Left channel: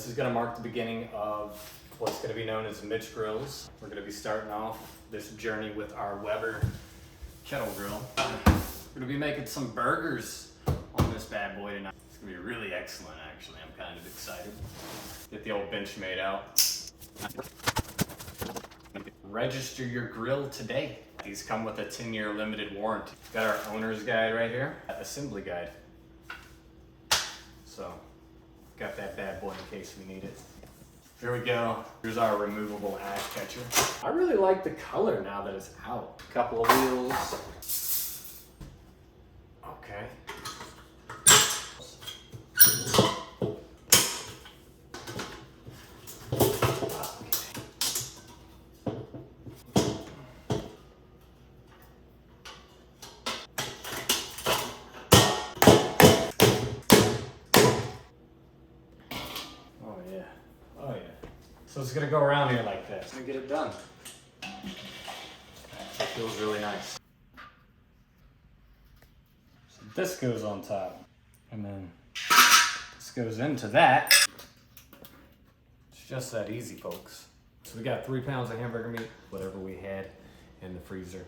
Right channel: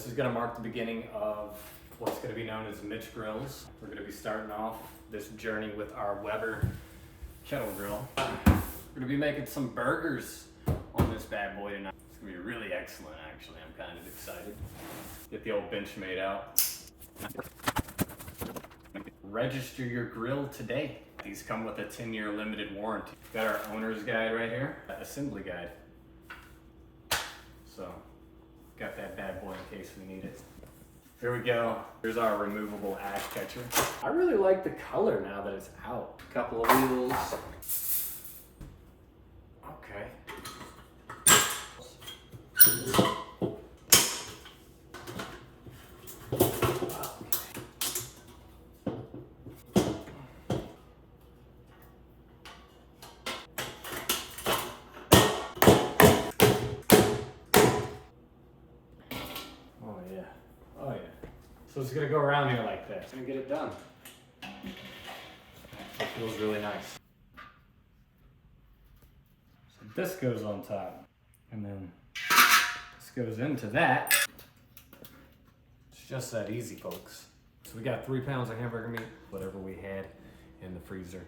This is gonna mark the beginning of what's gonna be known as Mitch Grills. We're gonna be starting off this journey with our Weber Kettle grill. We're gonna be making some burgers on this bad boy tonight. It's gonna be really excellent, actually. I'm kind of excited. Get the old bench made out. Register your grill today. These come with a 10-year limited warranty. Got our owner's guide right here, assembly guide. So, got that bad boy in case we need it. Here we go. Here's our removable ash catcher. I really like the color now that it's out. A couple of wheels. Okay. Oh yeah. So it's gonna go around here like this and get it done. It feels really nice. So this goes on top, and then this goes into that. It's just that easy, folks. So we got 3 pounds of hamburger meat, whatever we had in the freezer.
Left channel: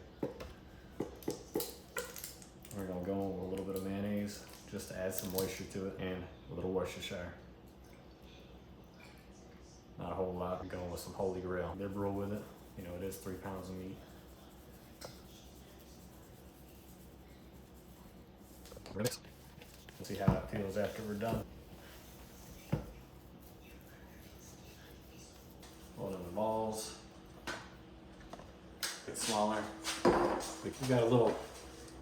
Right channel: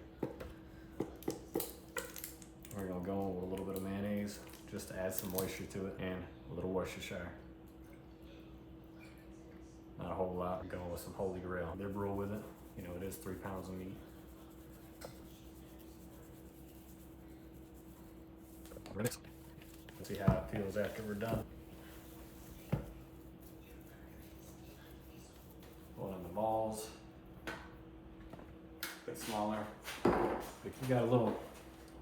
We're gonna go with a little bit of mayonnaise just to add some moisture to it, and a little Worcestershire. Not a whole lot. We're going with some Holy Grail. They're brewed with it. You know, it is 3 pounds of meat. Let's see how it feels after we're done. Hold in the balls. A bit smaller. We got a little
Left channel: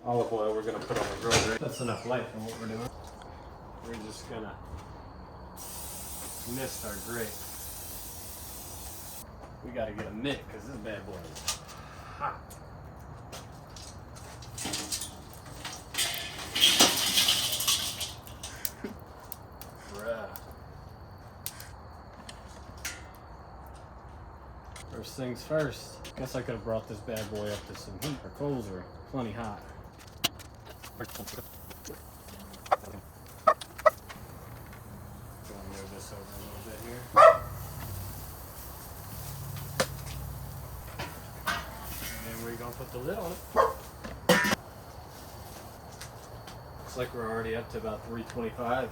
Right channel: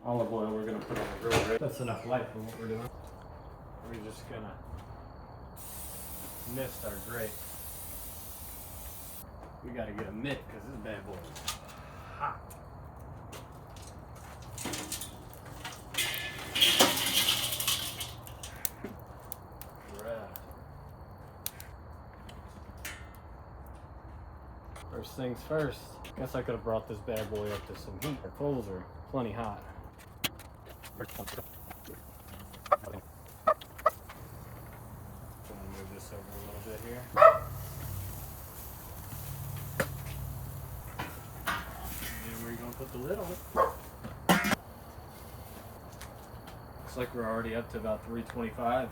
olive oil we're gonna put on the grill. Right? That's enough light for what we're doing. We're just gonna mist our grate. We gotta get a mitt because this bad boy is hot. Bruh. First things first. Guess I could have brought this bad boy up to some heat. Our coals are plenty hot. Gonna move this over a little bit here. We're gonna put the lid on it. Looks like we're already up to about 325.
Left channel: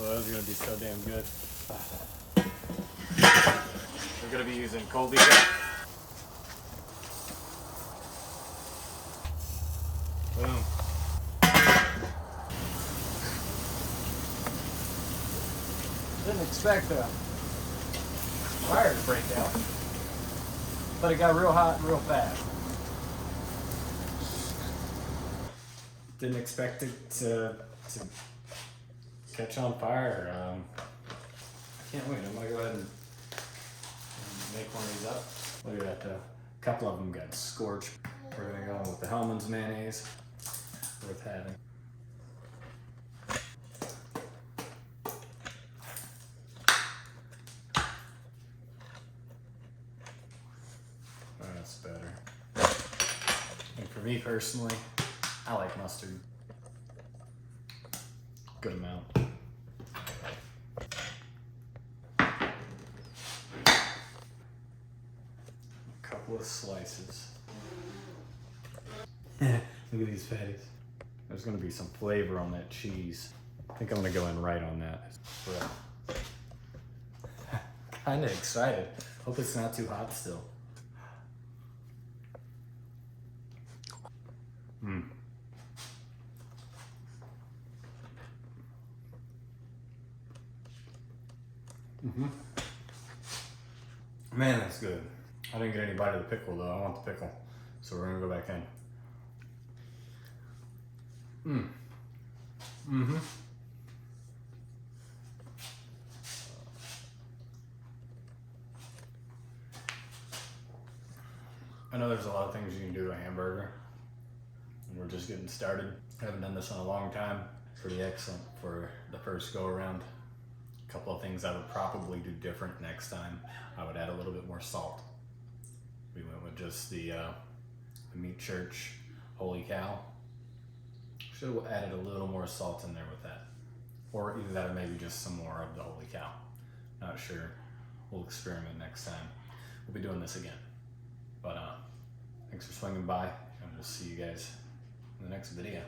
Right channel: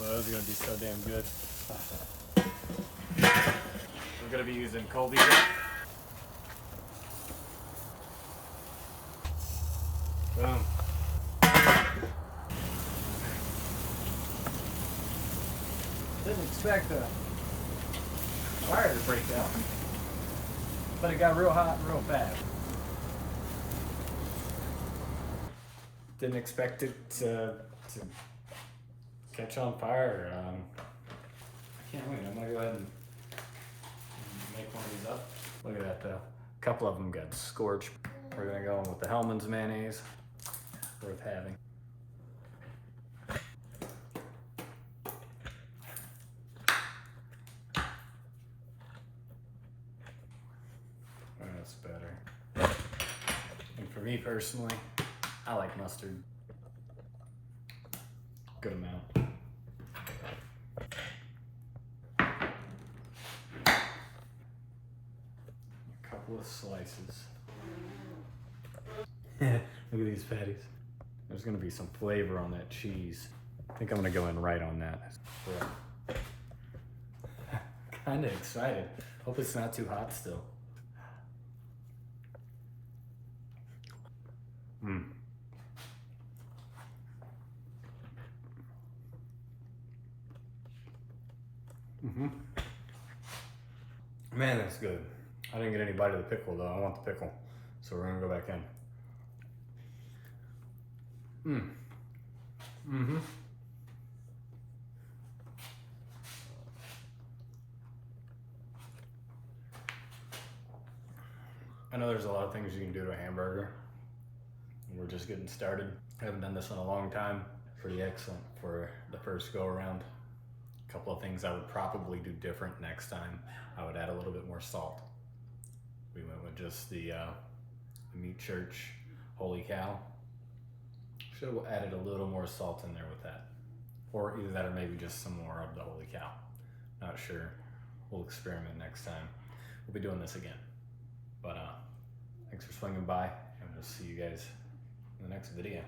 Well, those are gonna be so damn good. We're gonna be using Colby Jet. Boom. Didn't expect a fire to break out, but it got real hot real fast. Didn't expect it to catch on fire. I can't wait. I'm gonna go ahead and make one of these up. Look at that though. A couple of them got scorched. We're gonna go in with the Hellmann's mayonnaise. Worth having. Oh, that's better. And for me personally, I like mustard. Good amount. A couple of slices. Look at these patties. There's gonna be some flavor on that cheese. I think I'm gonna go in right on that. Kinda excited. Hope it's not too hot still. Man, that's good. I didn't get any bite of the pickle though. I want the pickle. So we're gonna go back in. I know there's a lot of things you can do to a hamburger, and we're just getting started. I haven't done this in a long time. Pretty excellent for the first go around. couple of things I would probably do different next time. I would add a little bit more salt. We went with just the Meat Church Holy Cow. Should have added a little more salt in there with that. Or either that or maybe just some more of the Holy Cow. Not sure. We'll experiment next time. We'll be doing this again. But thanks for swinging by, and we'll see you guys in the next video.